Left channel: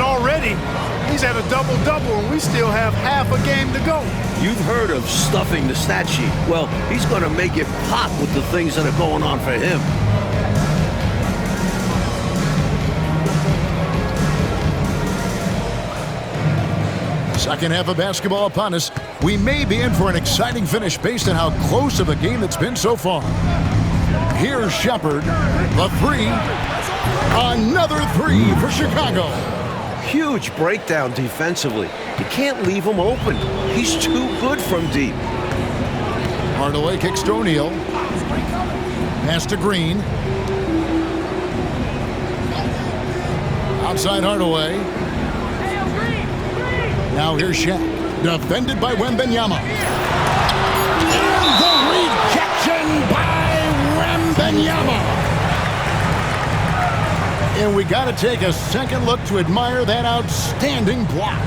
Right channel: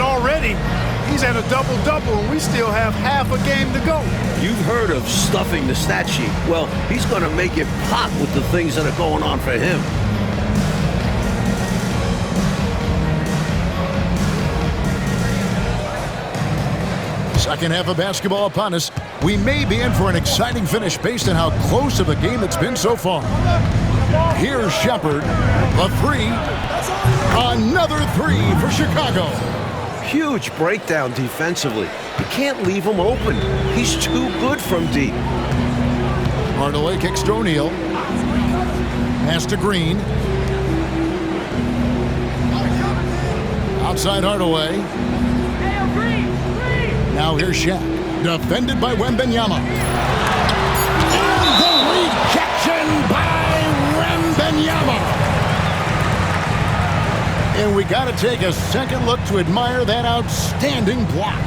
that already he's at a double-double, and we still have half a game to go. You've heard of stuffing the stat sheet. Well, he's going to make it pop with the things that are going on for him. Second half of basketball upon us. We may be in for an exciting finish based on how close of a game it's been so far. Here's Shepard. The three. Another three for Chicago. Huge breakdown defensively. You can't leave him open. He's too good from deep. Hardaway kicks to O'Neal. Pass to Green. Outside Hardaway. Now here's Shaq. Defended by Wembanyama. And the rejection by Wembanyama. And we got to take a second look to admire that outstanding block.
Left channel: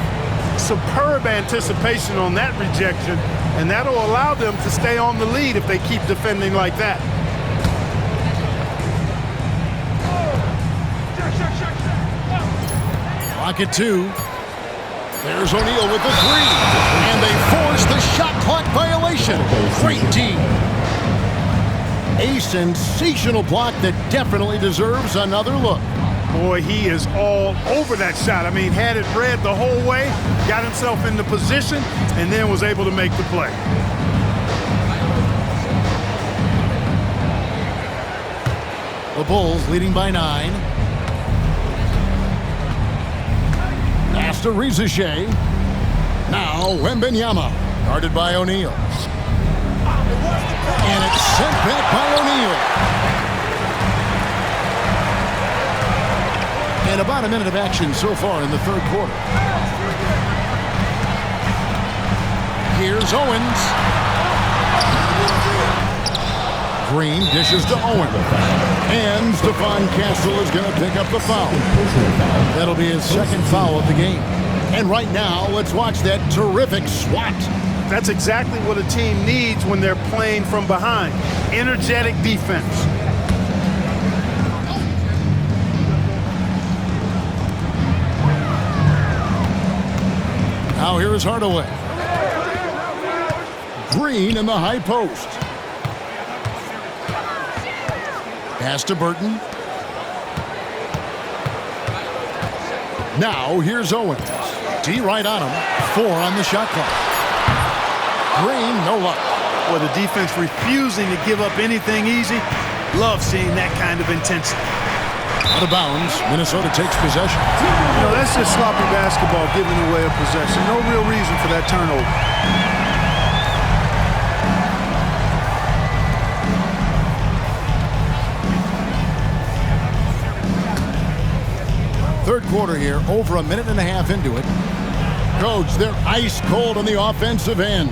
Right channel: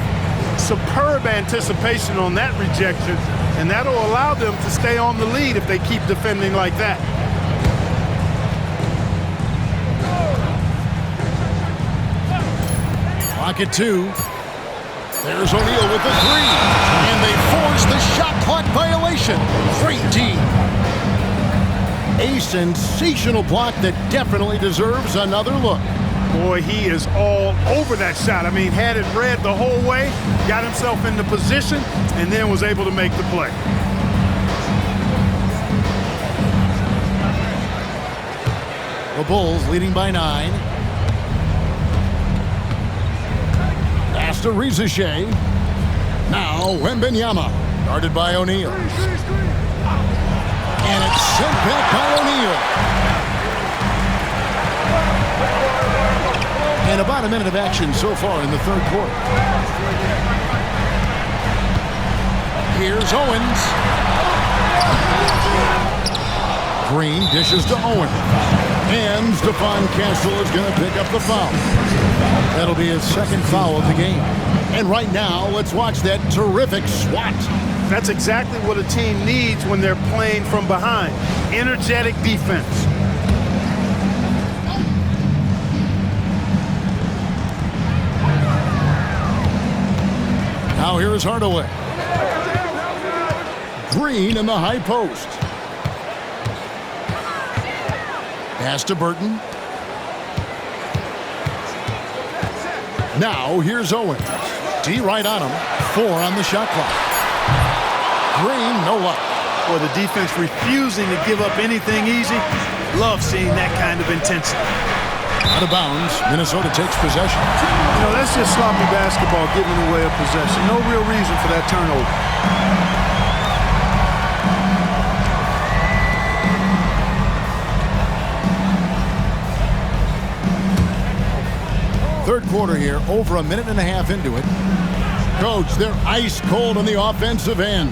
Superb anticipation on that rejection, and that'll allow them to stay on the lead if they keep defending like that. Clock at 2. There's O'Neal with the three, and they force the shot clock violation. Great D. A sensational block that definitely deserves another look. Boy, he is all over that shot. I mean, had it read the whole way, got himself into position, and then was able to make the play. The Bulls leading by 9. Pass to Rizeshe. Now Wembanyama, guarded by O'Neal. And it's sent back by O'Neal. And about a minute of action so far in the third quarter. Here's Owens. Green dishes to Owens. And Stephon Castle is going to pick up the foul. That'll be his second foul of the game. And right now, let's watch that terrific swat. That's exactly what a team needs when they're playing from behind. Energetic defense. Now here is Hardaway. Green in the high post. Pass to Burton. Now here's Owens. D right on him. 4 on the shot clock. Green, no luck. Boy, the defense refusing to give up anything easy. Love seeing that kind of intensity. Out of bounds, Minnesota takes possession. You know, that's just sloppy basketball, giving away a possession. No real reason for that turnover. Third quarter here, over a minute and a half into it. Coach, they're ice cold on the offensive end.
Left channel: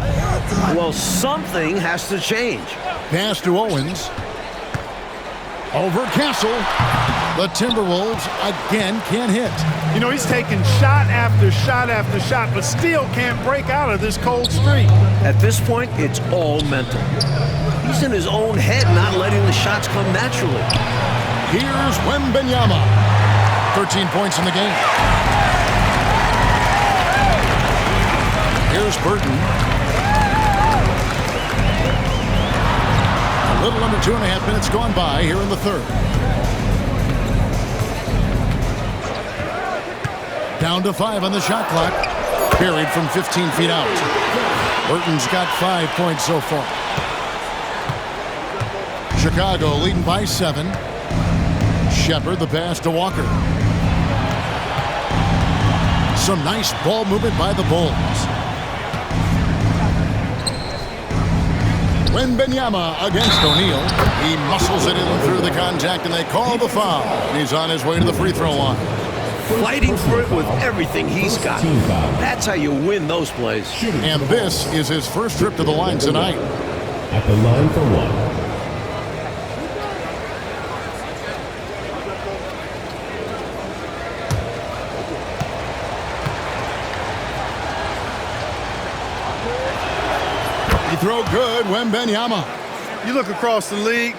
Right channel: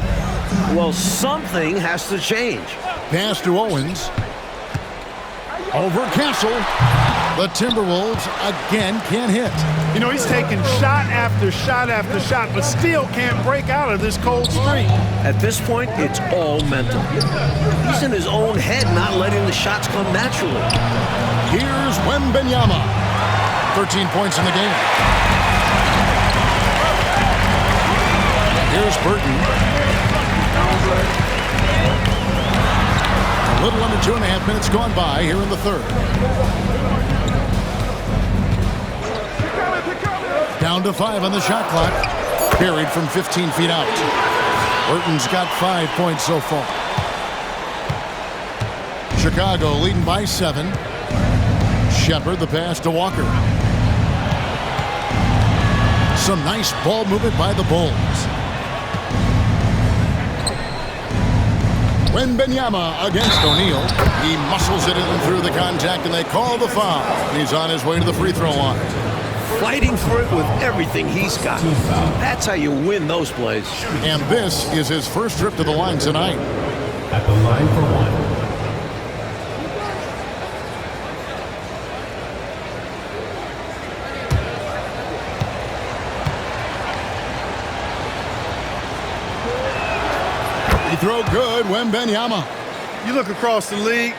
Well, something has to change. Pass to Owens. Over Castle. The Timberwolves again can't hit. You know, he's taking shot after shot after shot, but still can't break out of this cold streak. At this point, it's all mental. He's in his own head, not letting the shots come naturally. Here's Wembanyama. 13 points in the game. Here's Burton. A little under 2.5 minutes gone by here in the third. Down to 5 on the shot clock. Buried from 15 feet out. Burton's got 5 points so far. Chicago leading by 7. Shepard the pass to Walker. Some nice ball movement by the Bulls. Wembanyama against O'Neal. He muscles it in through the contact, and they call the foul. And he's on his way to the free throw line. Fighting for it with everything he's got. That's how you win those plays. And this is his first trip to the line tonight. At the line for one. He throw good, Wembanyama. You look across the league,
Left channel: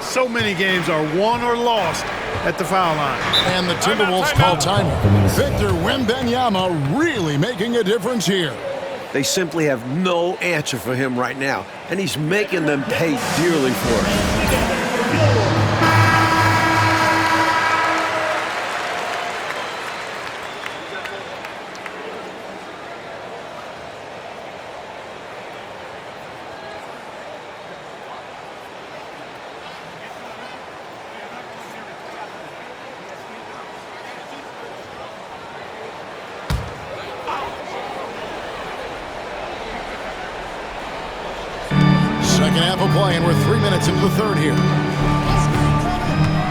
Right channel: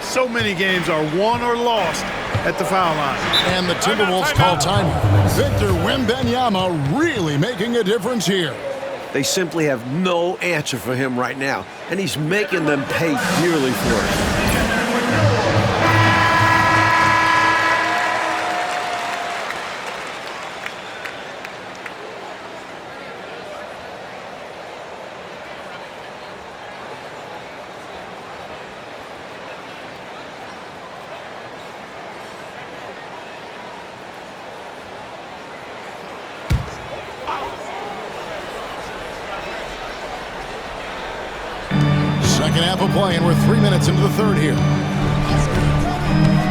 so many games are won or lost at the foul line. And the Timberwolves call timeout. Victor Wembanyama really making a difference here. They simply have no answer for him right now, and he's making them pay dearly for it. Second half of play, and we're 3 minutes into the third here.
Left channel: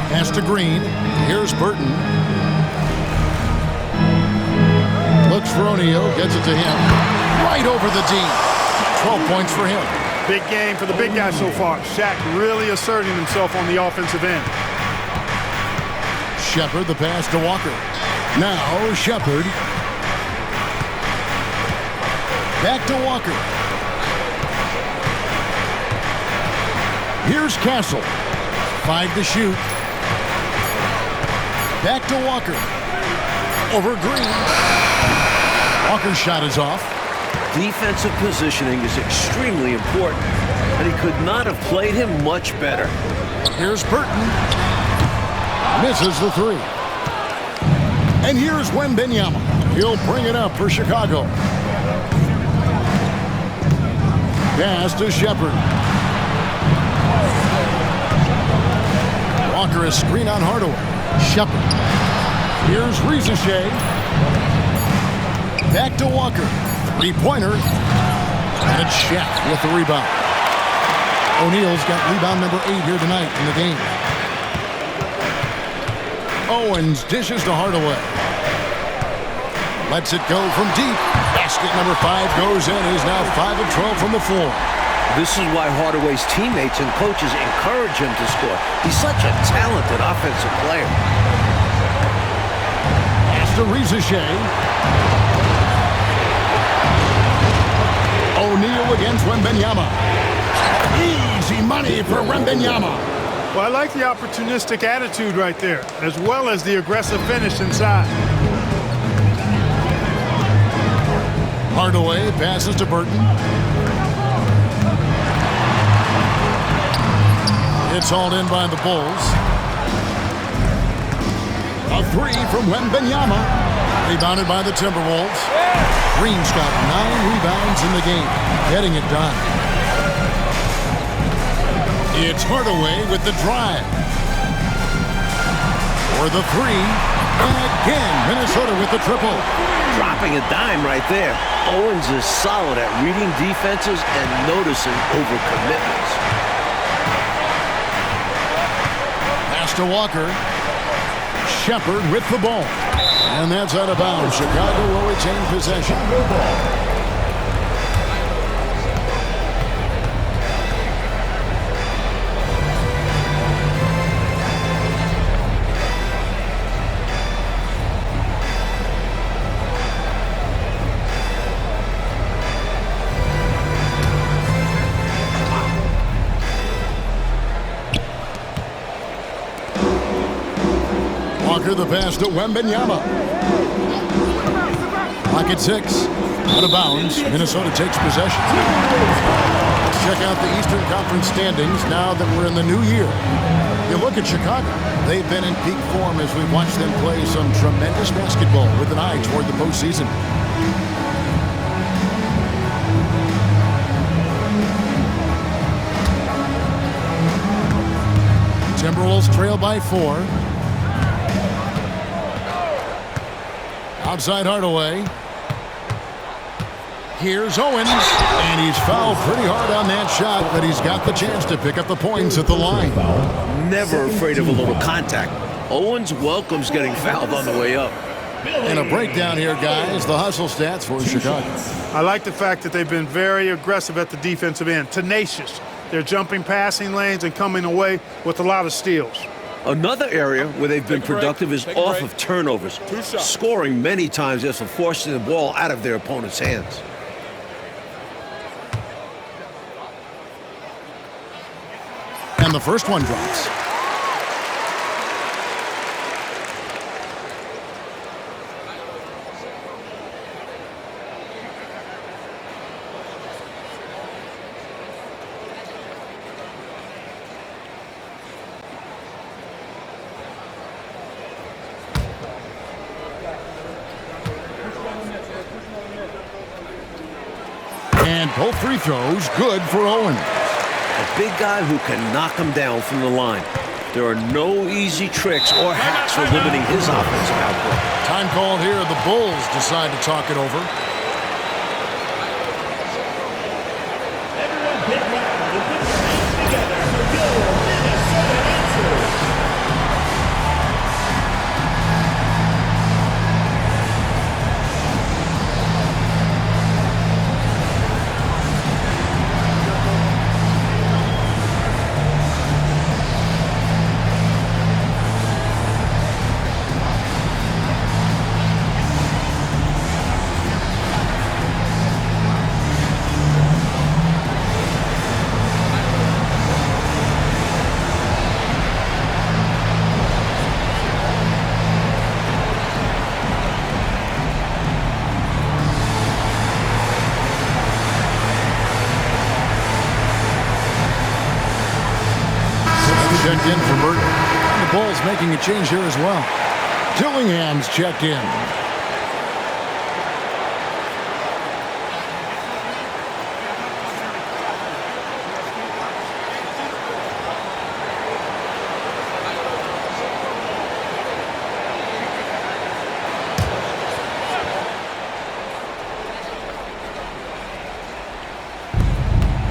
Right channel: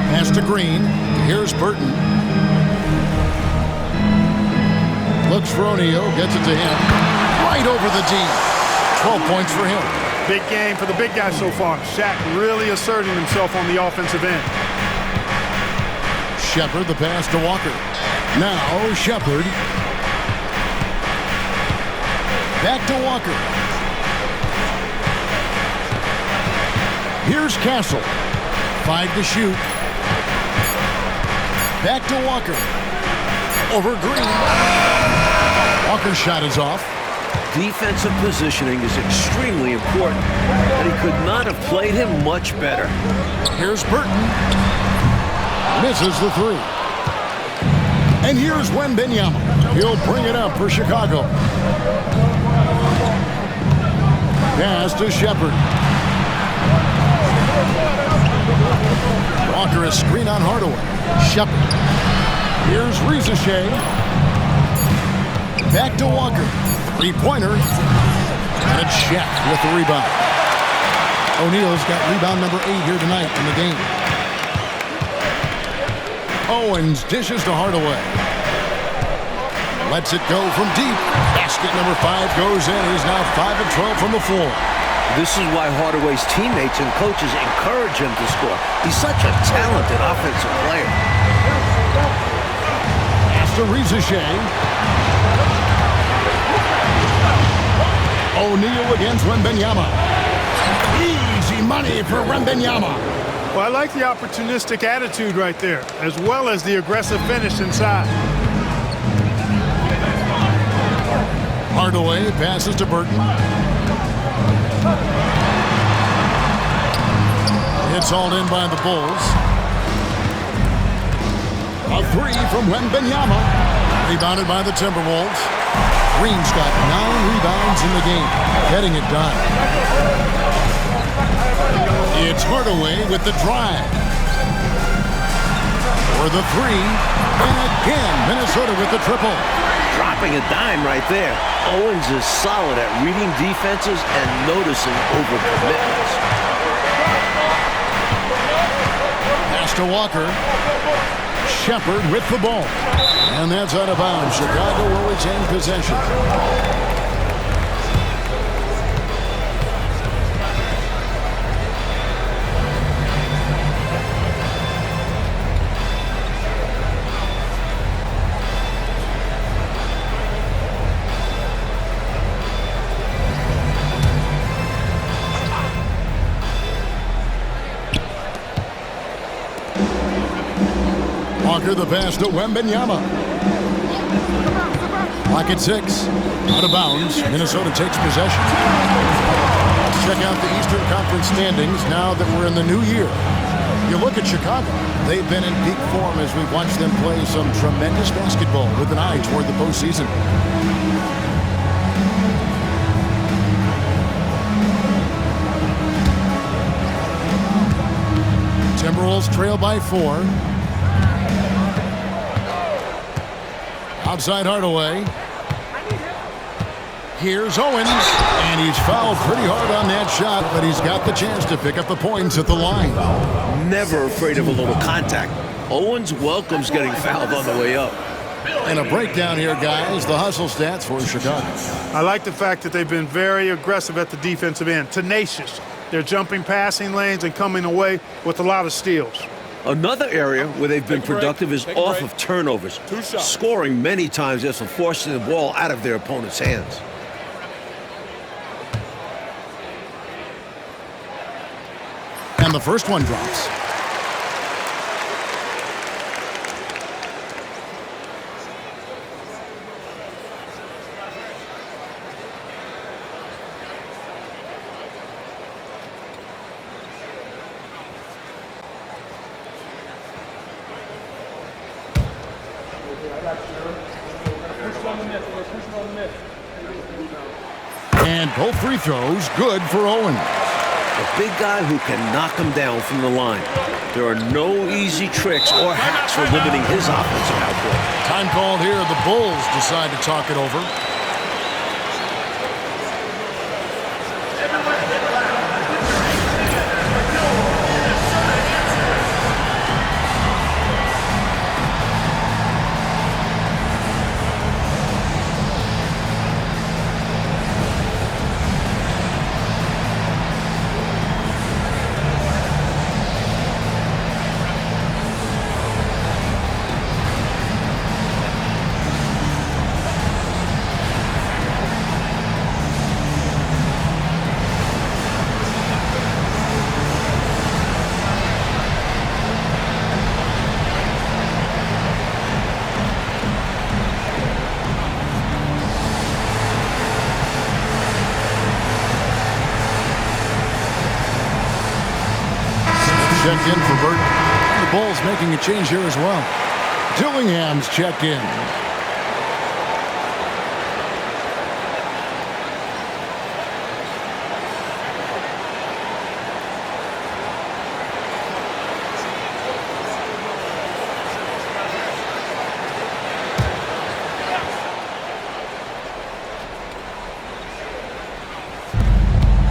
Pass to Green. Here's Burton. Looks for O'Neal. Gets it to him. Right over the D. 12 points for him. Big game for the big guy so far. Shaq really asserting himself on the offensive end. Shepard, the pass to Walker. Now Shepard. Back to Walker. Here's Castle. 5 to shoot. Back to Walker. Over Green. Walker's shot is off. Defensive positioning is extremely important, and he could not have played him much better. Here's Burton. Misses the three. And here's Wembanyama. He'll bring it up for Chicago. Pass to Shepard. Walker, a screen on Hardaway. Shepard. Here's Rizachet. Back to Walker. Three-pointer. And it's Shaq with the rebound. O'Neal's got rebound number 8 here tonight in the game. Owens dishes to Hardaway. Lets it go from deep. Basket number 5 goes in. He's now 5 of 12 from the floor. This is why Hardaway's teammates and coaches encourage him to score. He's such a talented offensive player. Pass to Rizachet. O'Neal against Wembanyama. Easy money for Wembanyama. Well, I like the opportunistic attitude right there, as well as the aggressive finish inside. Hardaway passes to Burton. It's all in by the Bulls. A three from Wembanyama. Rebounded by the Timberwolves. Green's got 9 rebounds in the game, getting it done. It's Hardaway with the drive. For the three. And again, Minnesota with the triple. Dropping a dime right there. Owens is solid at reading defenses and noticing overcommitments. Pass to Walker. Shepard with the ball. And that's out of bounds. Chicago will retain possession. Walker the pass to Wembanyama. Clock at 6. Out of bounds. Minnesota takes possession. Let's check out the Eastern Conference standings now that we're in the new year. You look at Chicago. They've been in peak form as we've watched them play some tremendous basketball with an eye toward the postseason. Timberwolves trail by 4. Outside Hardaway. Here's Owens, and he's fouled pretty hard on that shot, but he's got the chance to pick up the points at the line. Never afraid of a little contact. Owens welcomes getting fouled on the way up. And a breakdown here, guys. The hustle stats for Chicago. I like the fact that they've been very aggressive at the defensive end, tenacious. They're jumping passing lanes and coming away with a lot of steals. Another area where they've been productive is off of turnovers, scoring many times after forcing the ball out of their opponent's hands. And the first one drops. And both free throws good for Owens. A big guy who can knock him down from the line. There are no easy tricks or hacks for limiting his offensive output. Time called here. The Bulls decide to talk it over. Checked in for Burton. And the Bulls making a change here as well. Dillingham's checked in.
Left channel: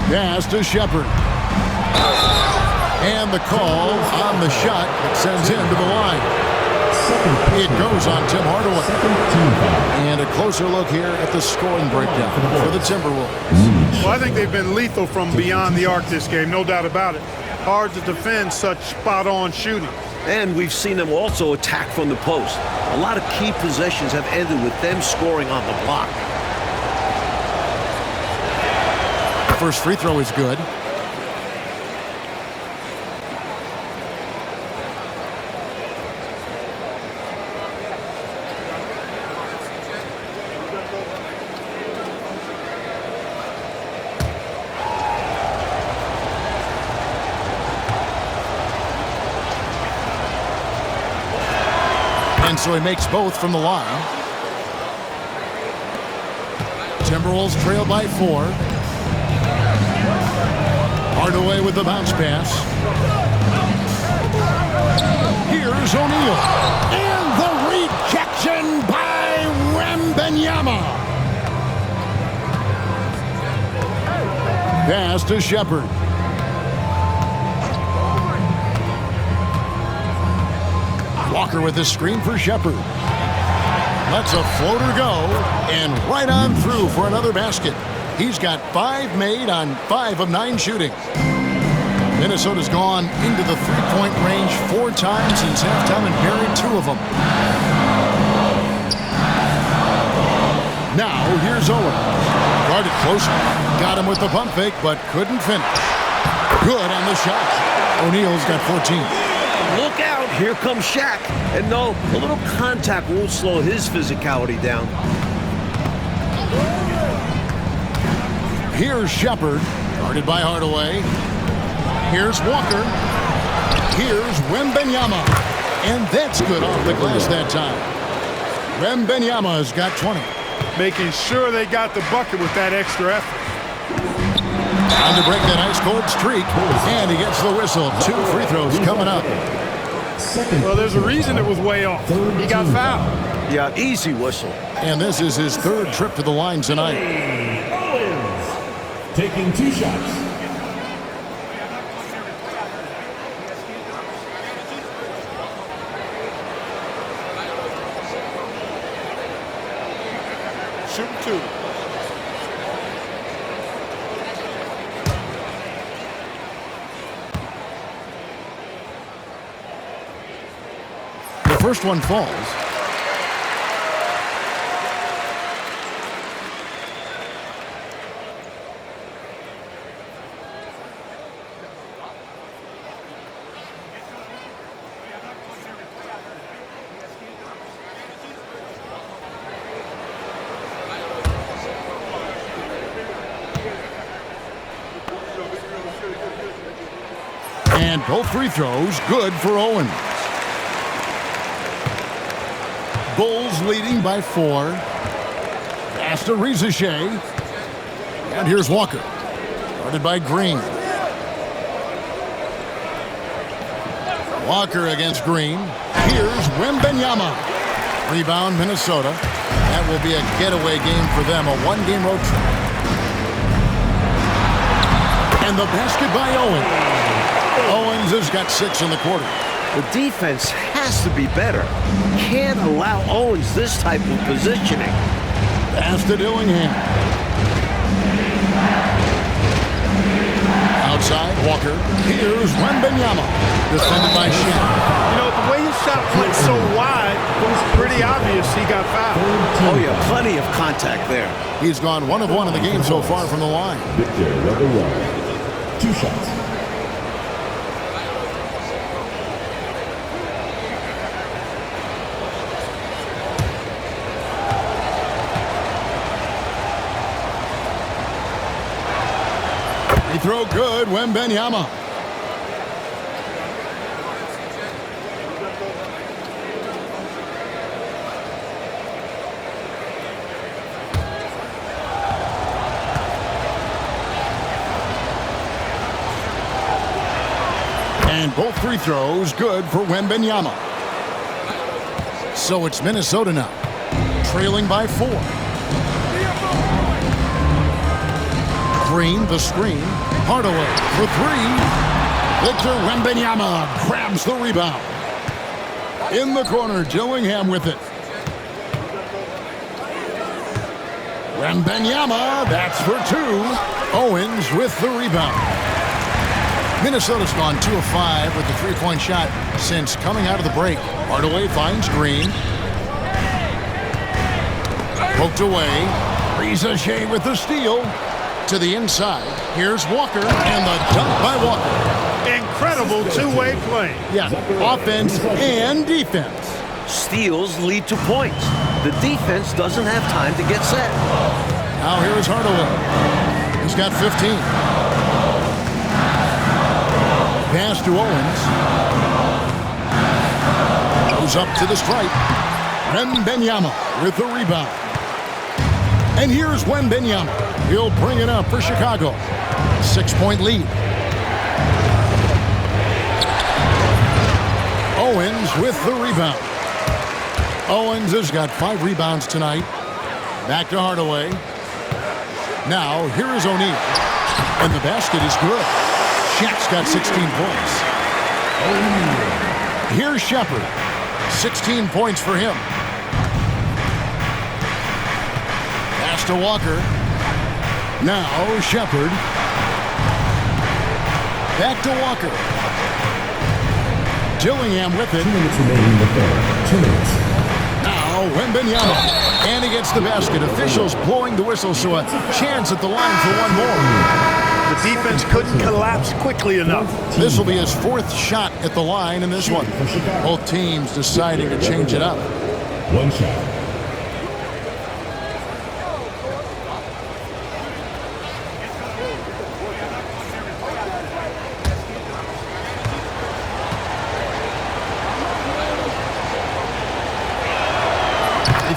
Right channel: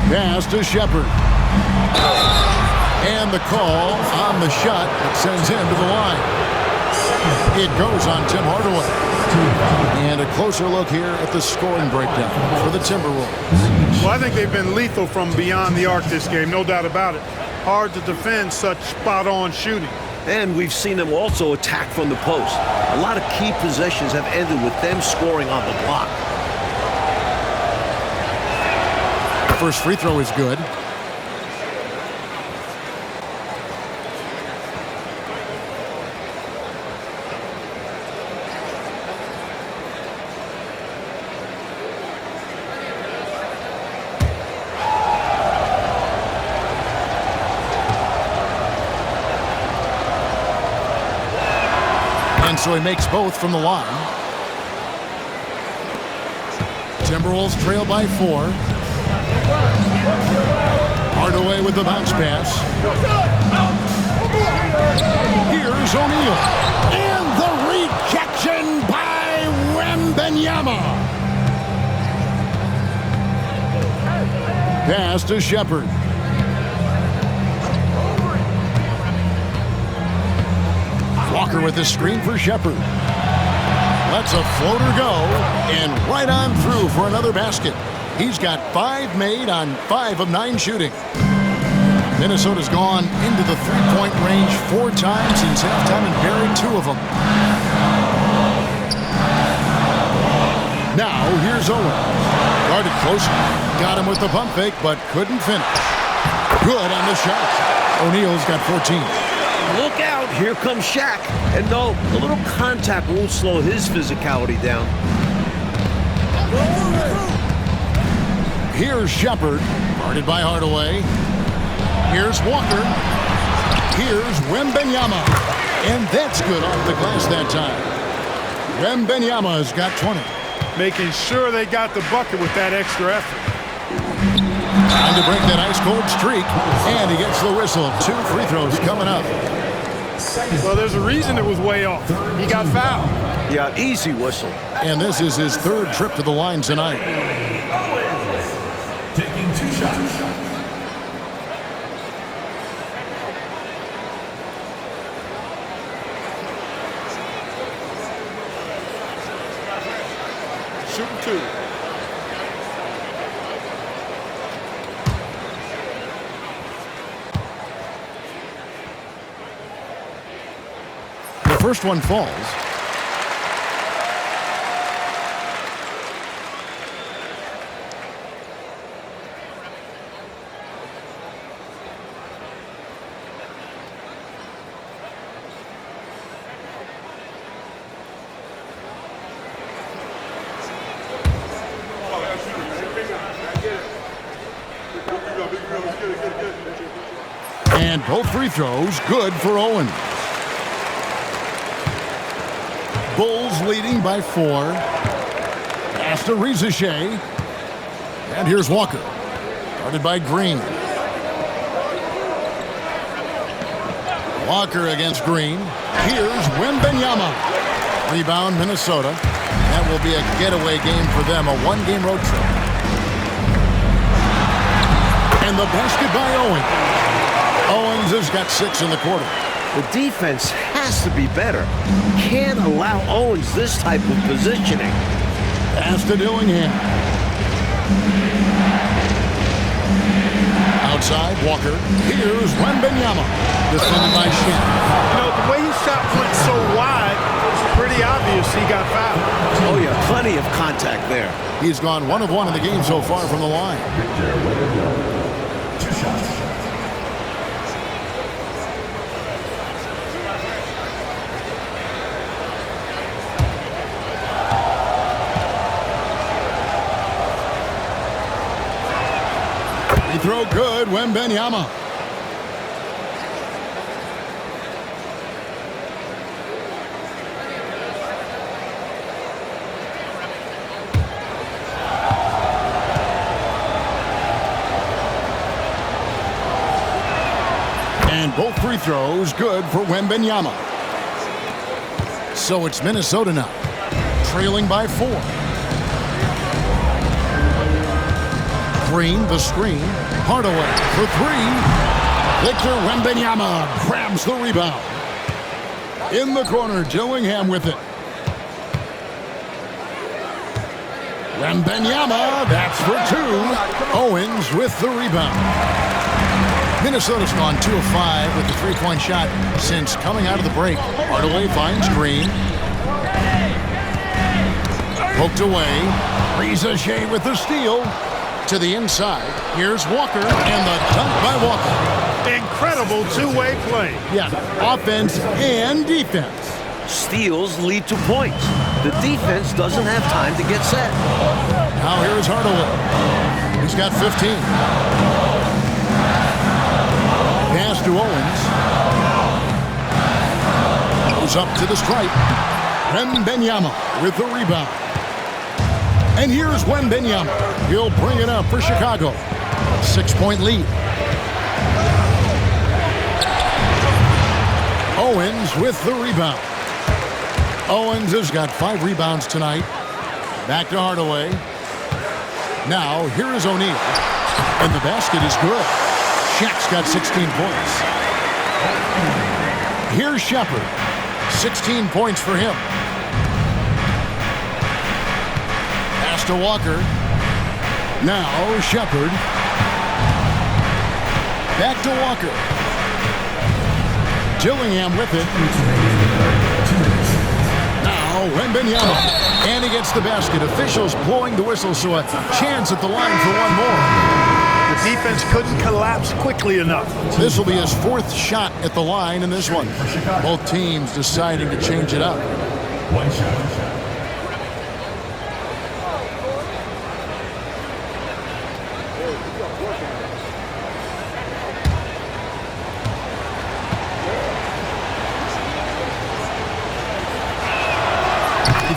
Pass to Shepard. And the call on the shot that sends him to the line. It goes on Tim Hardaway. And a closer look here at the scoring breakdown for the Timberwolves. Well, I think they've been lethal from beyond the arc this game, no doubt about it. Hard to defend such spot-on shooting. And we've seen them also attack from the post. A lot of key possessions have ended with them scoring on the block. First free throw is good. And so he makes both from the line. Timberwolves trail by 4. Hardaway with the bounce pass. Here's O'Neal. And the rejection by Wembanyama. Pass to Shepard. Walker with the screen for Shepard. Lets a floater go, and right on through for another basket. He's got 5 made on 5 of 9 shooting. Minnesota's gone into the three-point range 4 times since halftime and buried 2 of them. Now here's Owens. Guarded closer. Got him with the pump fake, but couldn't finish. Good on the shot. O'Neal's got 14. Look out, here comes Shaq. And no, a little contact won't slow his physicality down. Here's Shepard, guarded by Hardaway. Here's Walker. Here's Wembanyama. And that's good off the glass that time. Wembanyama's got 20. Making sure they got the bucket with that extra effort. Time to break that ice-cold streak. And he gets the whistle. 2 free throws coming up. Well, there's a reason it was way off. He got fouled. Yeah, easy whistle. And this is his 3rd trip to the line tonight. Owens taking 2 shots. Shooting 2. The first one falls. And both free throws good for Owens. Bulls leading by 4. Pass to Ricochet. And here's Walker. Guarded by Green. Walker against Green. Here's Wembanyama. Rebound, Minnesota. That will be a getaway game for them, a one-game road trip. And the basket by Owens. Owens has got 6 in the quarter. The defense has to be better. Can't allow Owens this type of positioning. Pass to Dillingham. Outside, Walker. Here's Wembanyama. Defended by Shaq. You know, the way his shot went so wide, it was pretty obvious he got fouled. Oh, yeah, plenty of contact there. He's gone 1 of 1 in the game so far from the line. Victor Wembanyama. 2 shots. Free throw good, Wembanyama. And both free throws good for Wembanyama. So it's Minnesota now, trailing by 4. Green, the screen. Hardaway for 3. Victor Wembanyama grabs the rebound. In the corner, Dillingham with it. Wembanyama, that's for 2. Owens with the rebound. Minnesota's gone 2 of 5 with the three-point shot since coming out of the break. Hardaway finds Green. Poked away. Ricochet with the steal. To the inside. Here's Walker, and the dunk by Walker. Incredible two-way play. Yeah, offense and defense. Steals lead to points. The defense doesn't have time to get set. Now here is Hardaway. He's got 15. Pass to Owens. Goes up to the stripe. Wembanyama with the rebound. And here's Wembanyama. He'll bring it up for Chicago. 6-point lead. Owens with the rebound. Owens has got 5 rebounds tonight. Back to Hardaway. Now, here is O'Neal. And the basket is good. Shaq's got 16 points. Here's Shepard. 16 points for him. Pass to Walker. Now, Shepard. Back to Walker. Dillingham with it. Now, Wembanyama. And he gets the basket. Officials blowing the whistle, so a chance at the line for one more. The defense couldn't collapse quickly enough. This will be his 4th shot at the line in this one. Both teams deciding to change it up. 1 shot.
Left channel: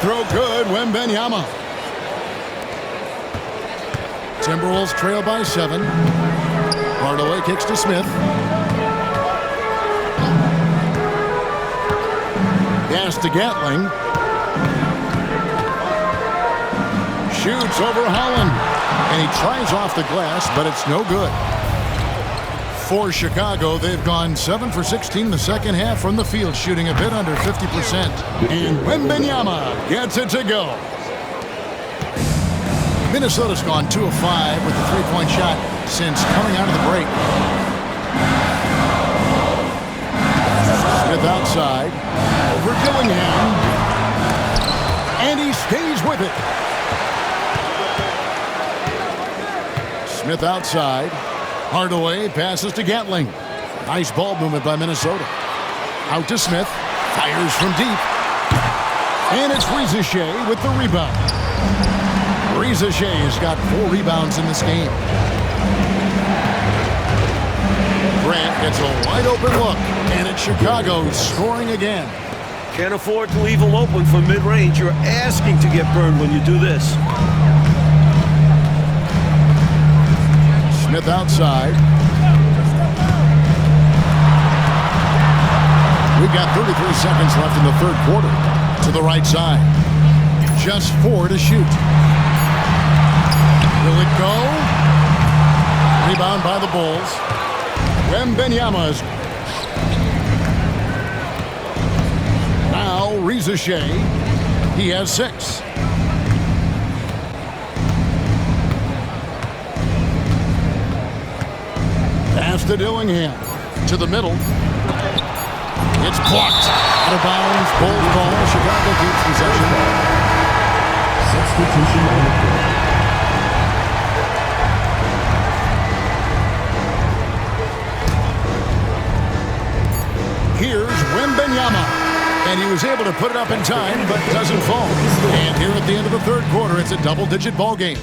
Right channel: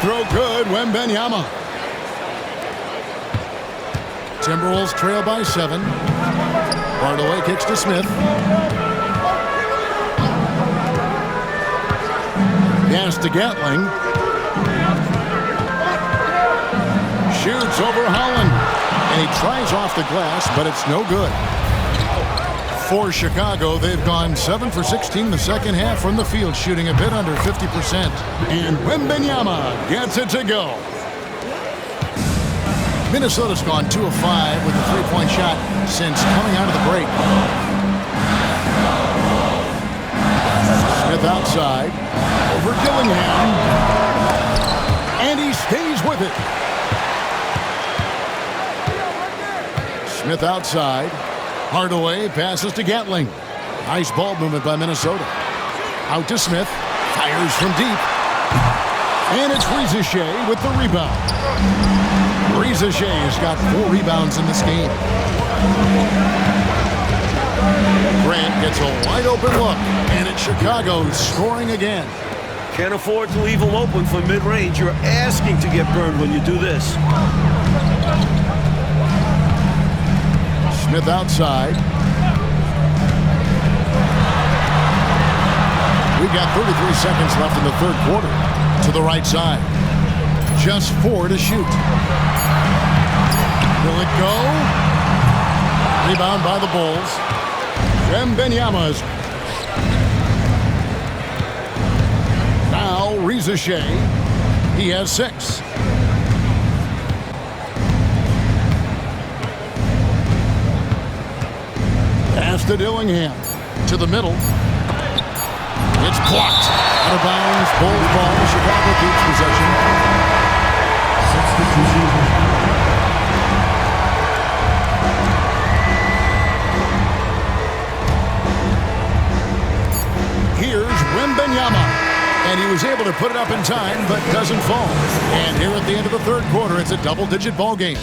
Throw good, Wembanyama. Timberwolves trail by 7. Hardaway kicks to Smith. Pass to Gatling. Shoots over Holland. And he tries off the glass, but it's no good. For Chicago, they've gone 7 for 16 the second half from the field, shooting a bit under 50%. And Wembanyama gets it to go. Minnesota's gone 2 of 5 with the three-point shot since coming out of the break. Smith outside. Over Dillingham. And he stays with it. Smith outside. Hardaway passes to Gatling. Nice ball movement by Minnesota. Out to Smith. Fires from deep. And it's Ricochet with the rebound. Ricochet has got 4 rebounds in this game. Grant gets a wide open look. And it's Chicago scoring again. Can't afford to leave him open for mid-range. You're asking to get burned when you do this. Smith outside. We've got 33 seconds left in the third quarter. To the right side. Just 4 to shoot. Will it go? Rebound by the Bulls. Wembanyama's. Now Reza Shea. He has 6. Pass to Dillingham. To the middle. It's blocked. Out of bounds. Bulls ball. Chicago keeps possession. Substitution. Here's Wembanyama. And he was able to put it up in time, but doesn't fall. And here at the end of the third quarter, it's a double-digit ball game.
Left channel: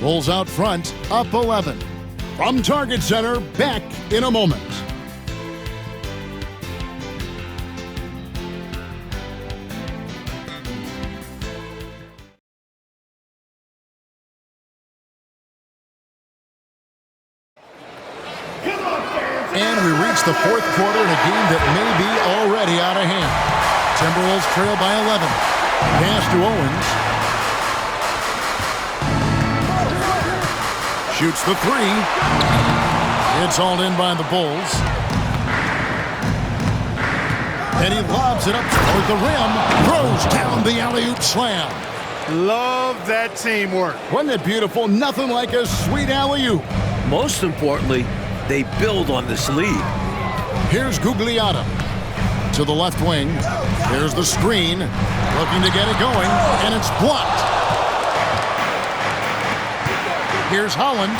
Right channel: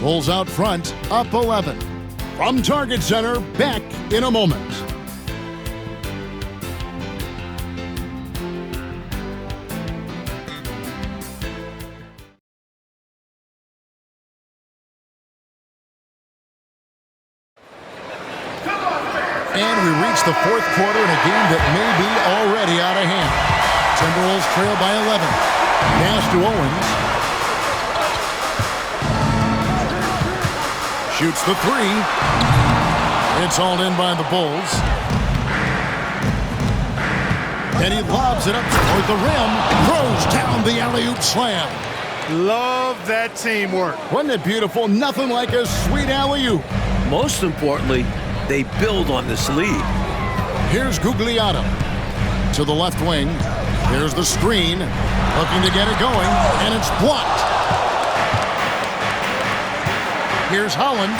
Bulls out front, up 11. From Target Center, back in a moment. And we reach the fourth quarter in a game that may be already out of hand. Timberwolves trail by 11. Pass to Owens. Shoots the 3. It's hauled in by the Bulls. And he lobs it up toward the rim. Throws down the alley-oop slam. Love that teamwork. Wasn't it beautiful? Nothing like a sweet alley-oop. Most importantly, they build on this lead. Here's Gugliotta to the left wing. Here's the screen, looking to get it going, and it's blocked. Here's Holland.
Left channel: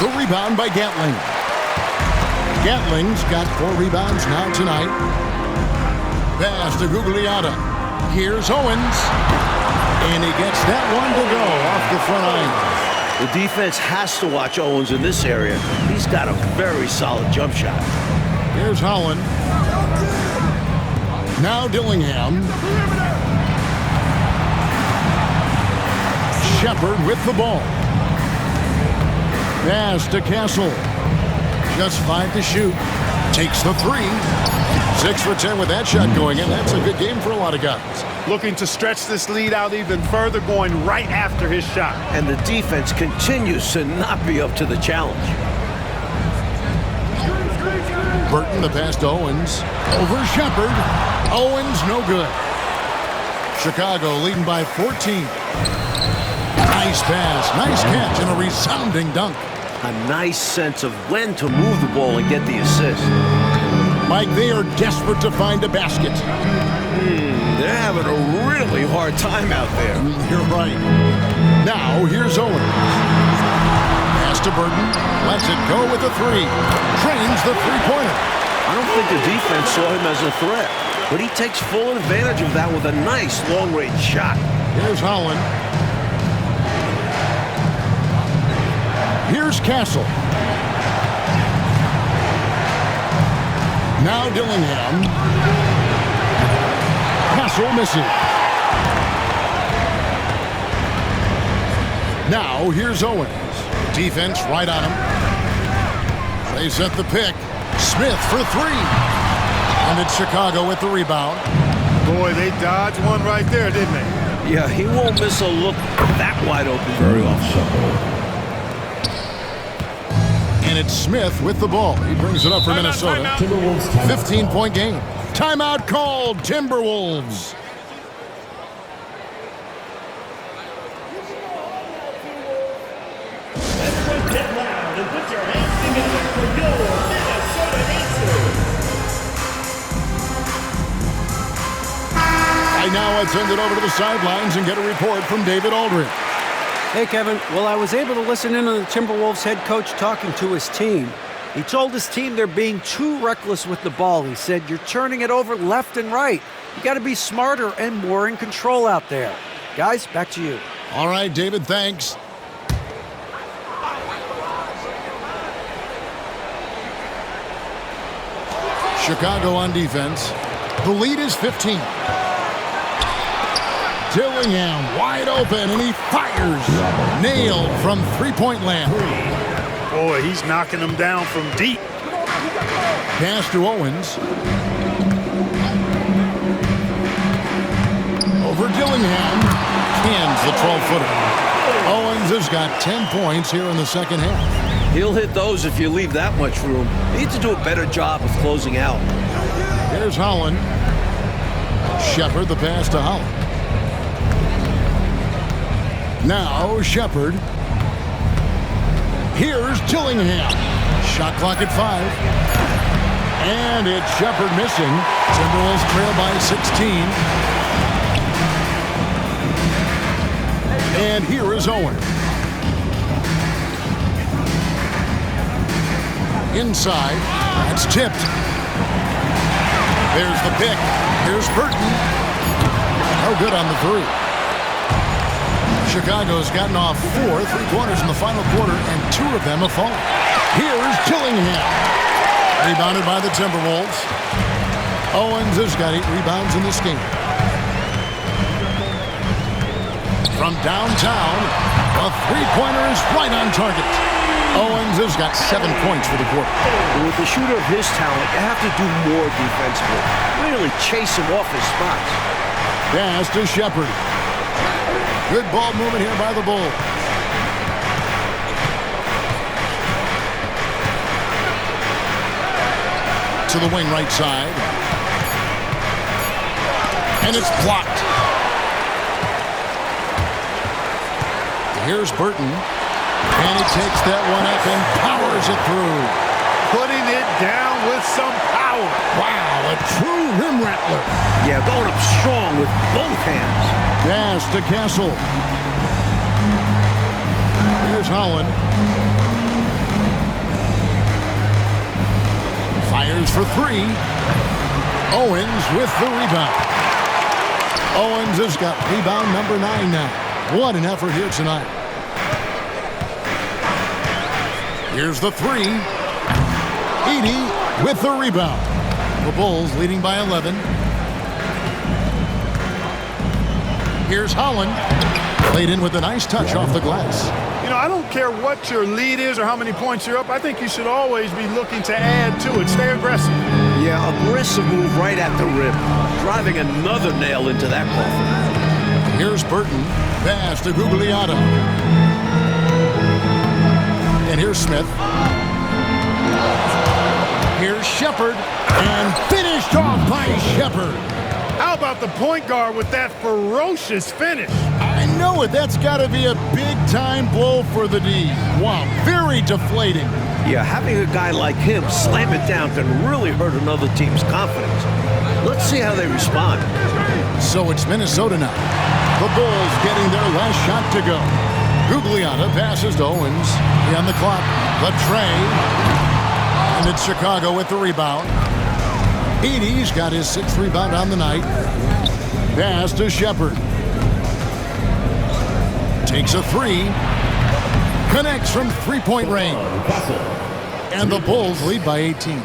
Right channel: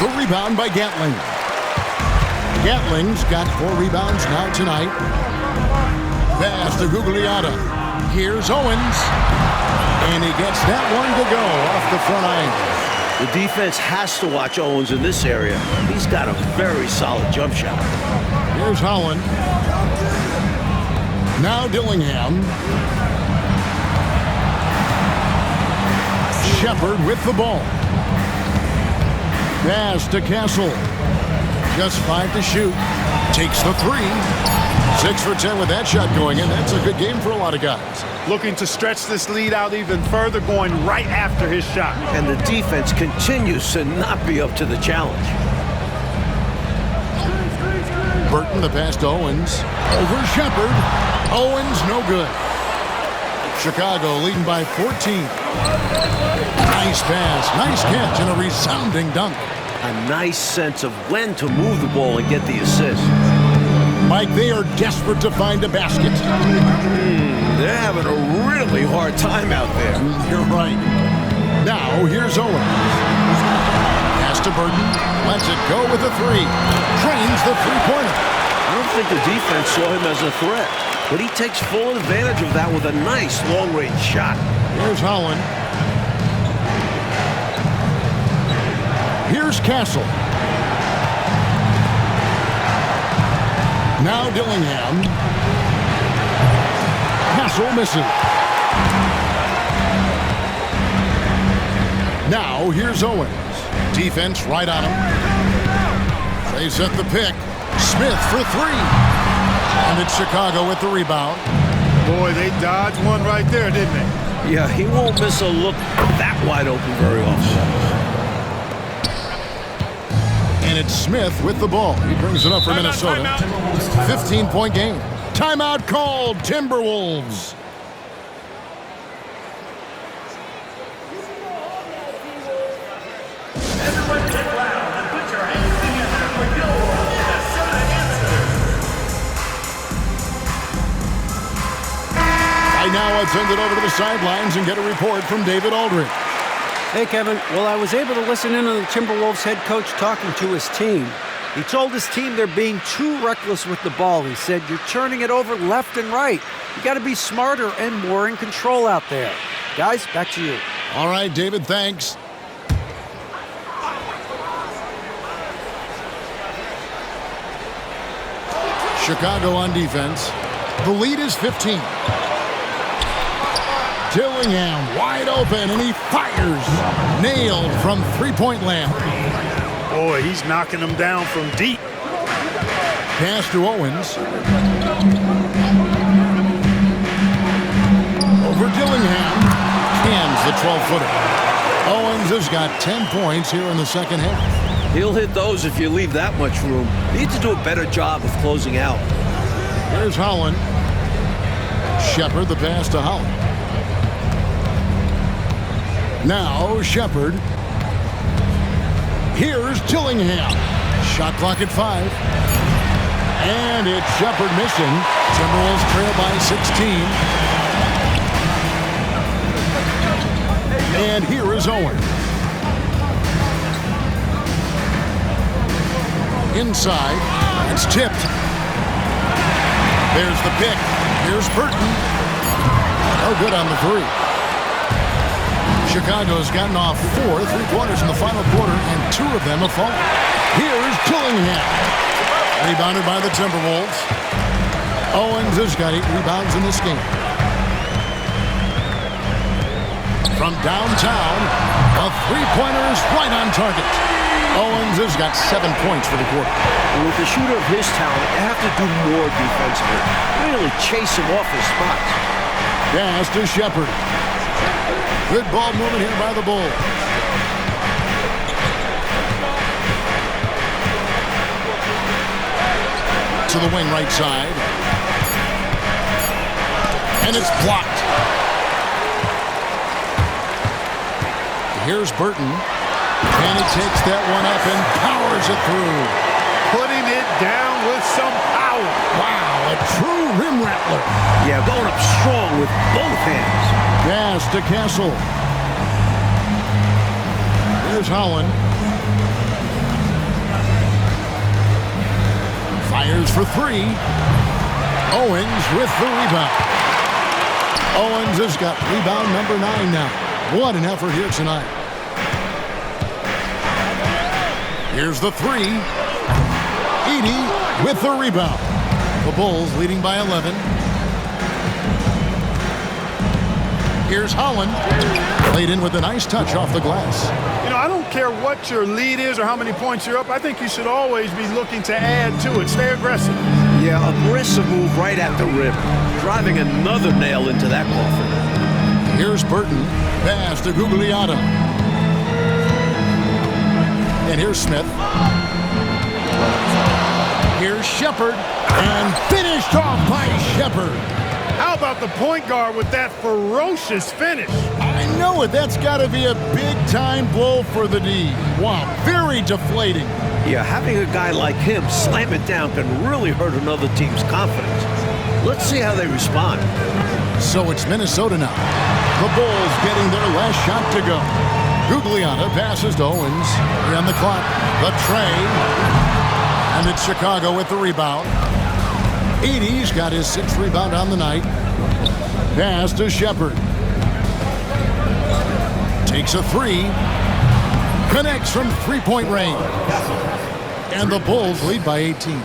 The rebound by Gatling. Gatling's got 4 rebounds now tonight. Pass to Gugliotta. Here's Owens. And he gets that one to go off the front iron. The defense has to watch Owens in this area. He's got a very solid jump shot. Here's Holland. Now Dillingham. Shepard with the ball. Pass to Castle. Just 5 to shoot. Takes the 3. 6 for 10 with that shot going in. That's a good game for a lot of guys. Looking to stretch this lead out even further, going right after his shot. And the defense continues to not be up to the challenge. Burton, the pass to Owens. Over Shepard. Owens, no good. Chicago leading by 14. Nice pass, nice catch, and a resounding dunk. A nice sense of when to move the ball and get the assist. Mike, they are desperate to find a basket. They're having a really hard time out there. You're right. Now, here's Owens. Pass to Burton. Lets it go with a 3. Trains the three-pointer. I don't think the defense saw him as a threat, but he takes full advantage of that with a nice long-range shot. Here's Holland. Here's Castle. Now Dillingham. Castle misses. Now here's Owens. Defense right on him. They set the pick. Smith for 3. And it's Chicago with the rebound. Boy, they dodged one right there, didn't they? Yeah, he won't miss a look that wide open very often. And it's Smith with the ball. He brings it up for Minnesota. 15-point game. Timeout called, Timberwolves. Everyone get loud and put your hands together for Gilmore, Minnesota answers. Right now, I'd send it over to the sidelines and get a report from David Aldridge. Hey, Kevin. Well, I was able to listen in on the Timberwolves head coach talking to his team. He told his team they're being too reckless with the ball. He said, you're turning it over left and right. You got to be smarter and more in control out there. Guys, back to you. All right, David, thanks. Chicago on defense. The lead is 15. Dillingham wide open, and he fires. Nailed from three-point land. Boy, he's knocking them down from deep. Pass to Owens. Over Dillingham. Cans the 12-footer. Owens has got 10 points here in the second half. He'll hit those if you leave that much room. You need to do a better job of closing out. Here's Holland. Shepard, the pass to Holland. Now Shepard. Here's Dillingham. Shot clock at 5. And it's Shepard missing. Timberwolves trail by 16. And here is Owens. Inside. It's tipped. There's the pick. Here's Burton. No good on the three. Chicago's gotten off 4 3-pointers in the final quarter, and 2 of them have fallen. Here's Dillingham. Rebounded by the Timberwolves. Owens has got 8 rebounds in this game. From downtown, a three-pointer is right on target. Owens has got 7 points for the quarter. With a shooter of his talent, you have to do more defensively. Really chase him off his spots. Pass to Shepard. Good ball movement here by the Bulls. To the wing right side. And it's blocked. Here's Burton. And he takes that one up and powers it through. Putting it down with some power. Wow, a true rim rattler. Yeah, going up strong with both hands. Pass to Castle. Here's Holland. Fires for 3. Owens with the rebound. Owens has got rebound number 9 now. What an effort here tonight. Here's the 3. Edey with the rebound. The Bulls leading by 11. Here's Holland. Played in with a nice touch off the glass. You know, I don't care what your lead is or how many points you're up. I think you should always be looking to add to it. Stay aggressive. Yeah, aggressive move right at the rim. Driving another nail into that coffin. Here's Burton. Pass to Gugliotta. And here's Smith. Here's Shepard. And finished off by Shepard. How about the point guard with that ferocious finish? I know it. That's got to be a big-time blow for the D. Wow, very deflating. Yeah, having a guy like him slam it down can really hurt another team's confidence. Let's see how they respond. So it's Minnesota now. The Bulls getting their last shot to go. Gugliotta passes to Owens. On the clock, the tray. And it's Chicago with the rebound. Edey's got his 6th rebound on the night. Pass to Shepard. Takes a 3. Connects from three-point range. And the Bulls lead by 18.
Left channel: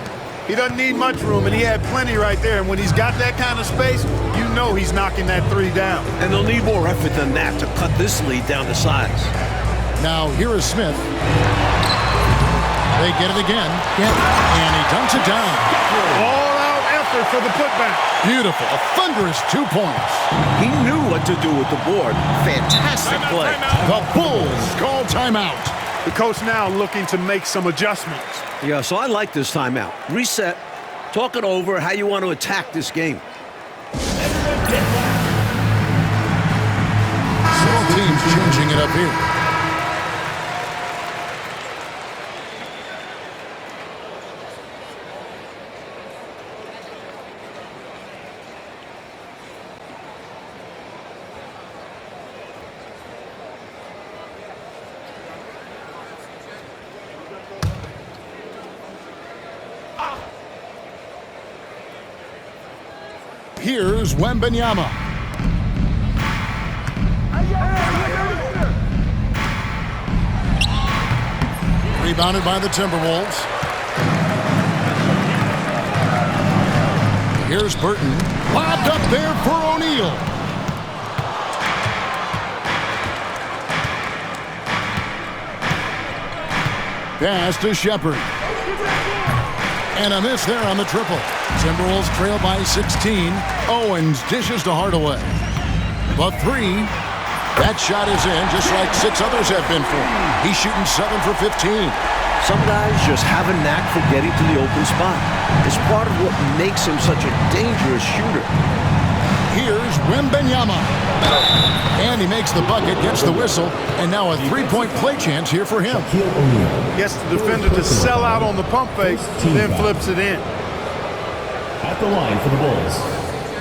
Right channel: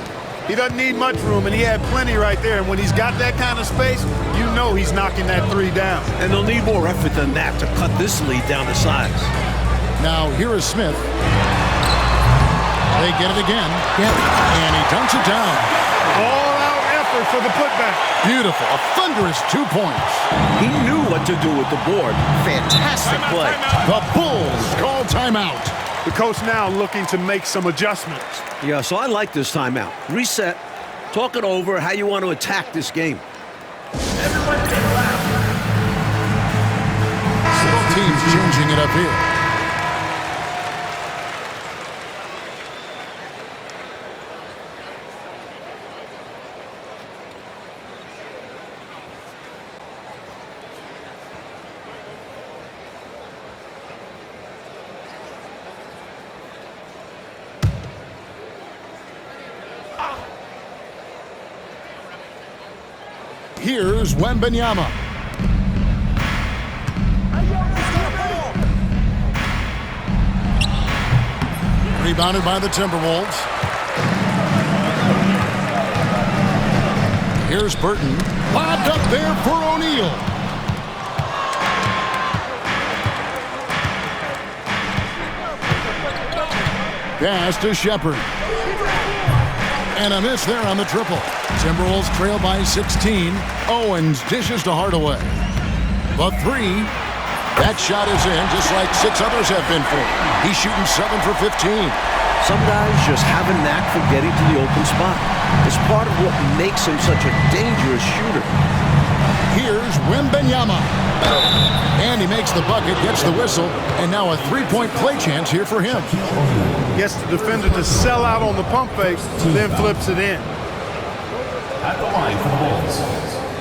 He doesn't need much room, and he had plenty right there. And when he's got that kind of space, you know he's knocking that 3 down. And they'll need more effort than that to cut this lead down to size. Now here is Smith. They get it again. And he dunks it down. All-out effort for the putback. Beautiful. A thunderous 2 points. He knew what to do with the board. Fantastic play. The Bulls call timeout. The coach now looking to make some adjustments. Yeah, so I like this timeout. Reset. Talk it over how you want to attack this game. Both teams changing it up here. Here's Wembanyama. Rebounded by the Timberwolves. Here's Burton. Lobbed up there for O'Neal. Pass to Shepard. And a miss there on the triple. Timberwolves trail by 16. Owens dishes to Hardaway. The three. That shot is in, just like 6 others have been for him. He's shooting 7 for 15. Some guys just have a knack for getting to the open spot. It's part of what makes him such a dangerous shooter. Here's Wembanyama. And he makes the bucket, gets the whistle, and now a three-point play chance here for him. Gets the defender to sell out on the pump fake, then flips it in. At the line for the Bulls,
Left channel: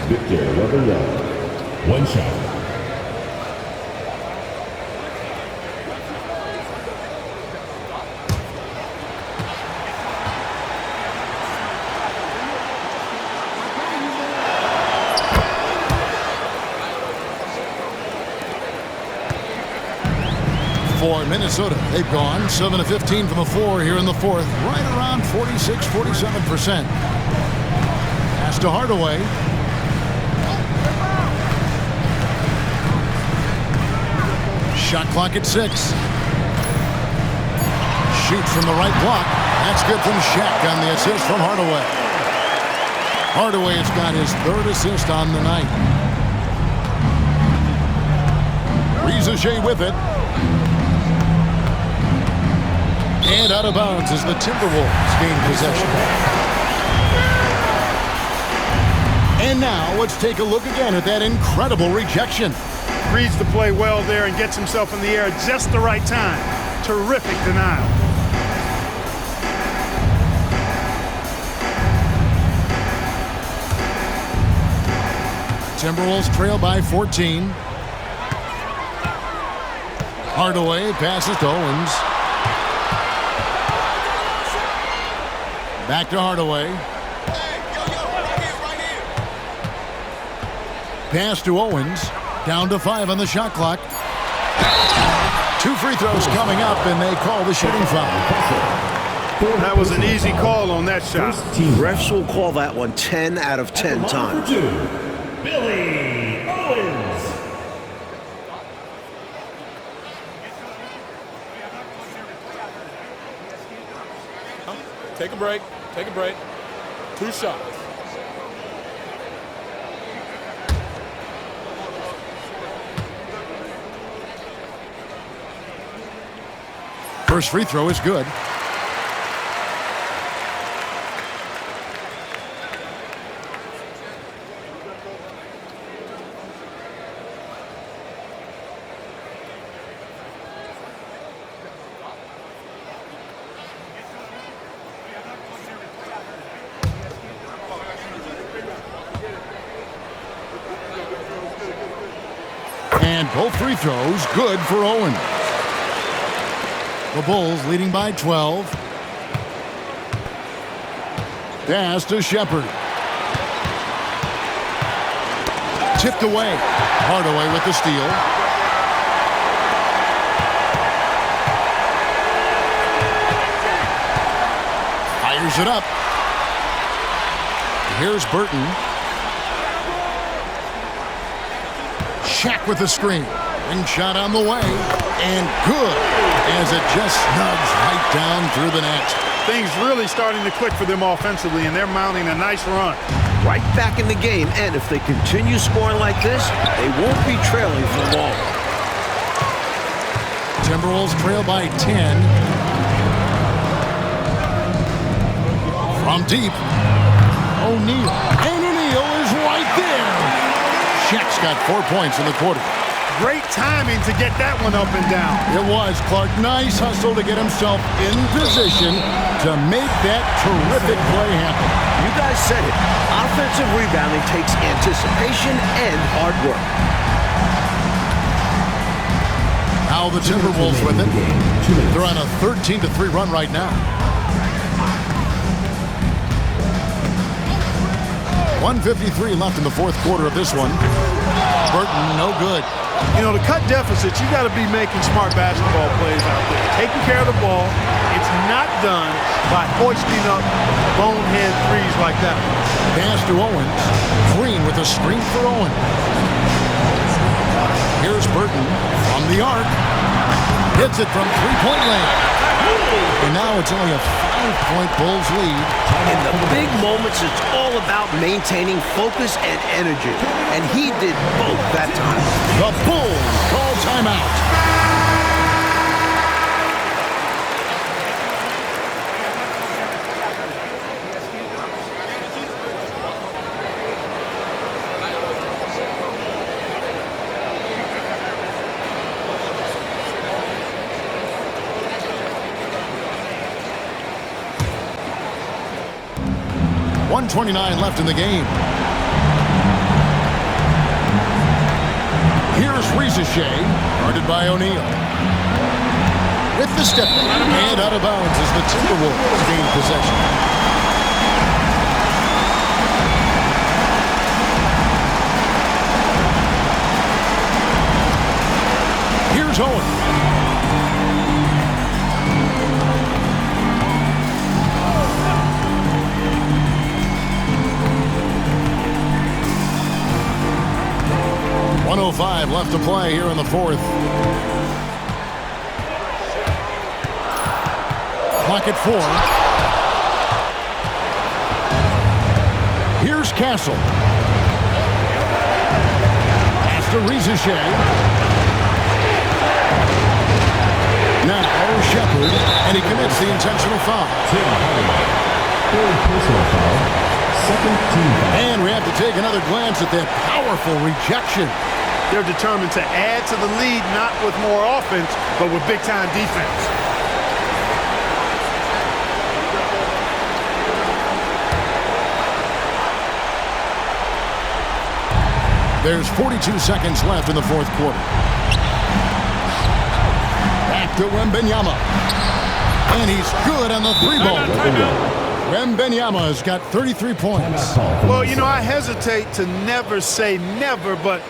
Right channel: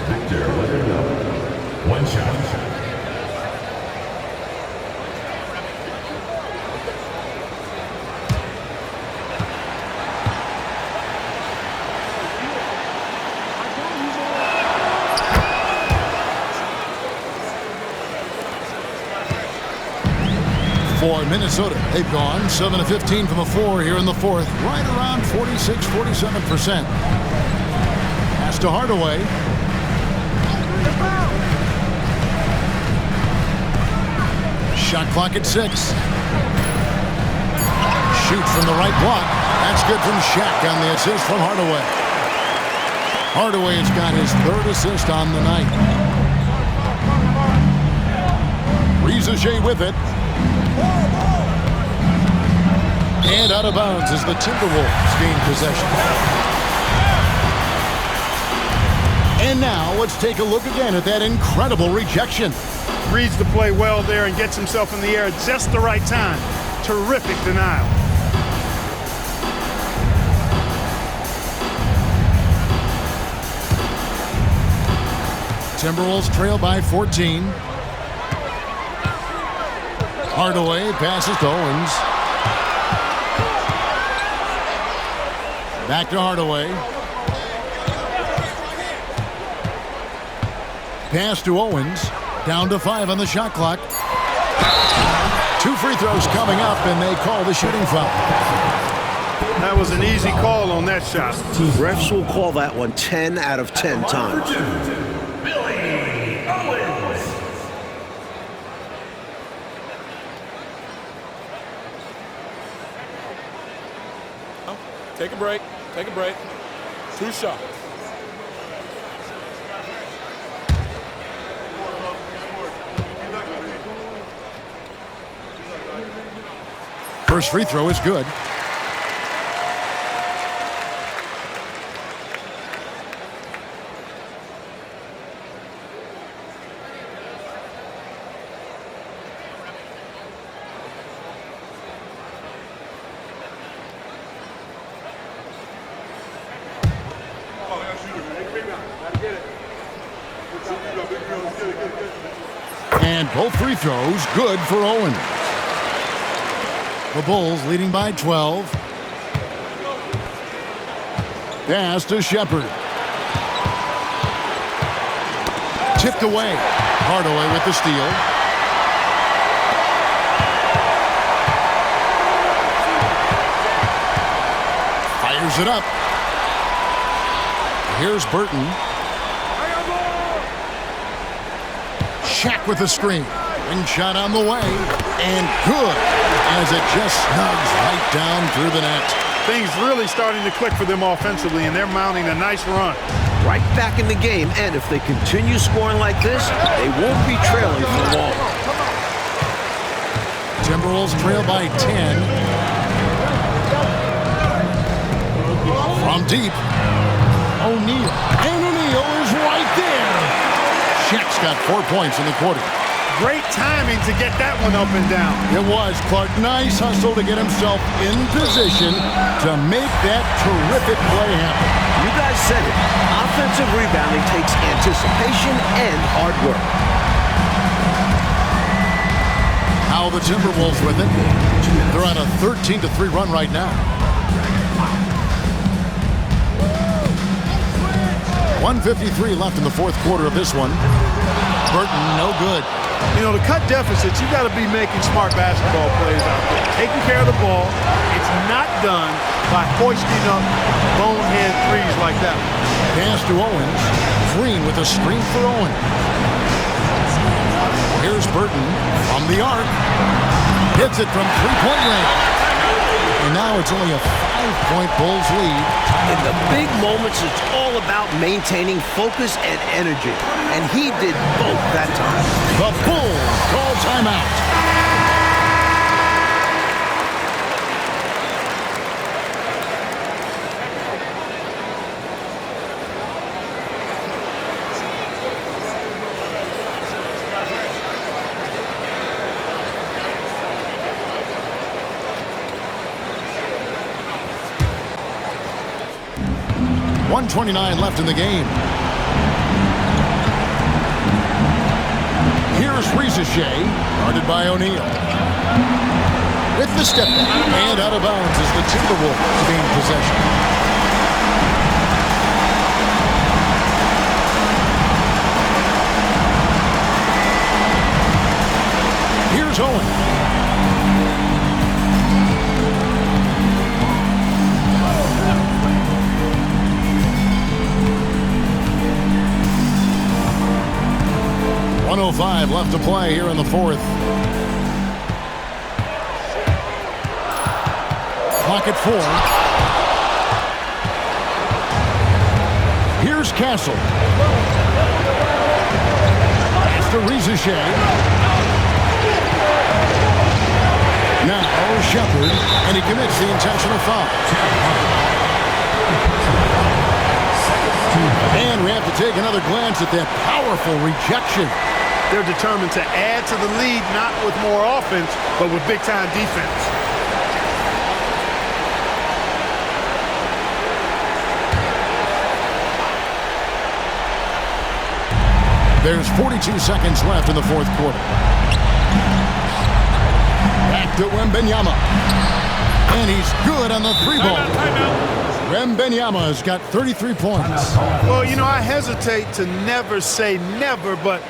Victor Wembanyama. One shot. 4 Minnesota. They've gone 7 of 15 from the floor here in the fourth. Right around 46-47%. Pass to Hardaway. Shot clock at 6. Shoots from the right block. That's good from Shaq on the assist from Hardaway. Hardaway has got his 3rd assist on the night. Rizaje with it. And out of bounds as the Timberwolves gain possession. And now let's take a look again at that incredible rejection. Reads the play well there and gets himself in the air at just the right time. Terrific denial. Timberwolves trail by 14. Hardaway passes to Owens. Back to Hardaway. Pass to Owens. Down to 5 on the shot clock. 2 free throws coming up, and they call the shooting foul. That was an easy call on that shot. Refs will call that one 10 out of 10 times. Billy Owens. Take a break. Take a break. 2 shots. First free throw is good. And both free throws good for Owens. The Bulls leading by 12. Pass to Shepard. Tipped away. Hardaway with the steal. Fires it up. Here's Burton. Shaq with the screen. Ring shot on the way. And good, as it just snugs right down through the net. Things really starting to click for them offensively, and they're mounting a nice run. Right back in the game, and if they continue scoring like this, they won't be trailing for long. Timberwolves trail by 10. From deep, O'Neal. And O'Neal is right there. Shaq's got 4 points in the quarter. Great timing to get that one up and down. It was, Clark. Nice hustle to get himself in position to make that terrific play happen. You guys said it. Offensive rebounding takes anticipation and hard work. How the Timberwolves with it. They're on a 13-3 run right now. 1:53 left in the fourth quarter of this one. Burton, no good. You know, to cut deficits, you got to be making smart basketball plays out there. Taking care of the ball. It's not done by hoisting up bonehead threes like that one. Pass to Owens. Green with a screen for Owens. Here's Burton from the arc. Hits it from three-point range. And now it's only a 5-point Bulls lead. In the big moments, it's all about maintaining focus and energy. And he did both that time. The Bulls call timeout. .129 left in the game. Here's Shaq, guarded by O'Neal. With the step back and out of bounds as the Timberwolves gain possession. Here's Owens. .105 left to play here in the fourth. Clock at 4. Here's Castle. Pass to Shaq. Now Shepard, and he commits the intentional foul. Third personal foul. Second team foul. And we have to take another glance at that powerful rejection. They're determined to add to the lead, not with more offense, but with big-time defense. There's 42 seconds left in the fourth quarter. Back to Wembanyama. And he's good on the three ball. Wembanyama has got 33 points. Well, you know, I hesitate to never say never, but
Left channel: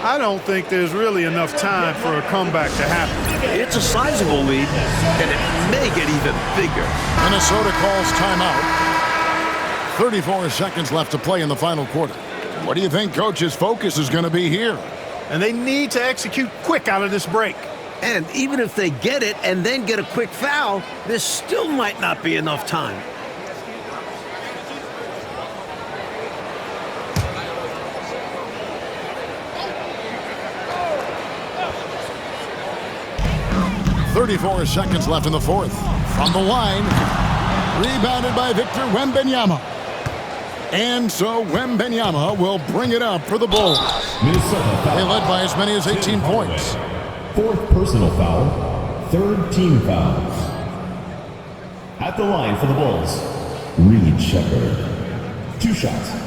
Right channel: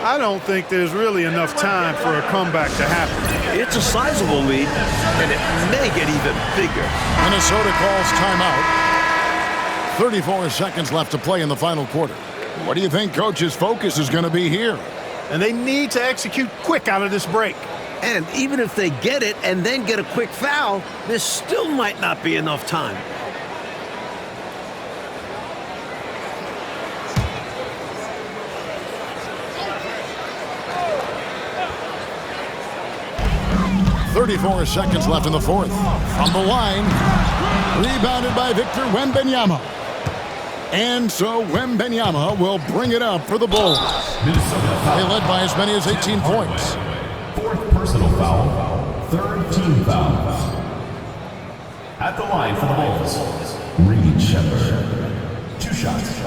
I don't think there's really enough time for a comeback to happen. It's a sizable lead, and it may get even bigger. Minnesota calls timeout. 34 seconds left to play in the final quarter. What do you think Coach's focus is going to be here? And they need to execute quick out of this break. And even if they get it and then get a quick foul, this still might not be enough time. .34 seconds left in the fourth. From the line, rebounded by Victor Wembanyama. And so Wembanyama will bring it up for the Bulls. They led by as many as 18 points. Fourth personal foul. Third team foul. At the line for the Bulls, Reed Shepard. 2 shots.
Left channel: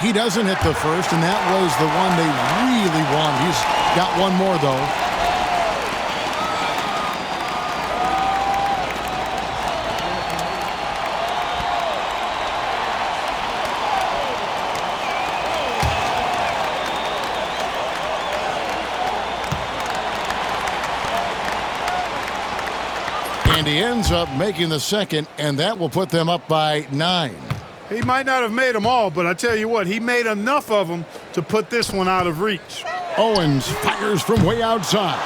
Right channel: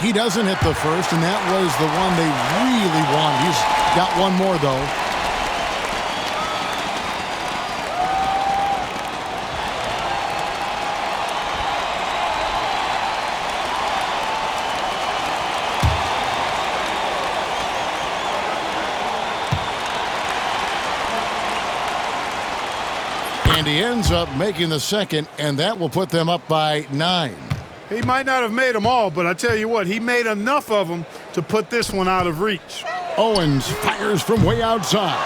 He doesn't hit the first, and that was the one they really wanted. He's got one more, though. And he ends up making the second, and that will put them up by 9. He might not have made them all, but I tell you what, he made enough of them to put this one out of reach. Owens fires from way outside.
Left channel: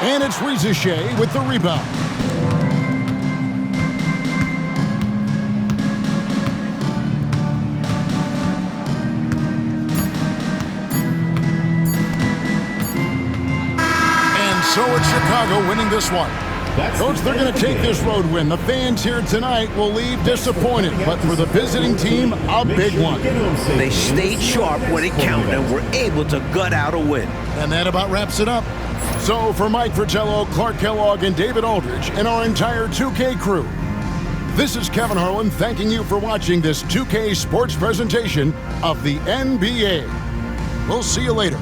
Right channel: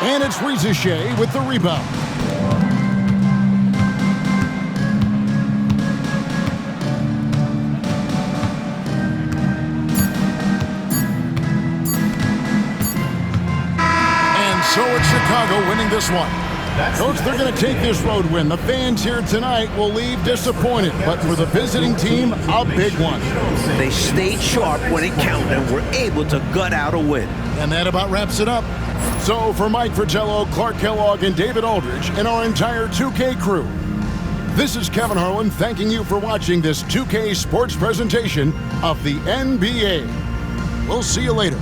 And it's Shaq with the rebound. And so it's Chicago winning this one. Coach, they're going to take this road win. The fans here tonight will leave disappointed, but for the visiting team, a big one. They stayed sharp when it counted and were able to gut out a win. And that about wraps it up. So for Mike Fratello, Clark Kellogg, and David Aldridge, and our entire 2K crew, this is Kevin Harlan thanking you for watching this 2K sports presentation of the NBA. We'll see you later.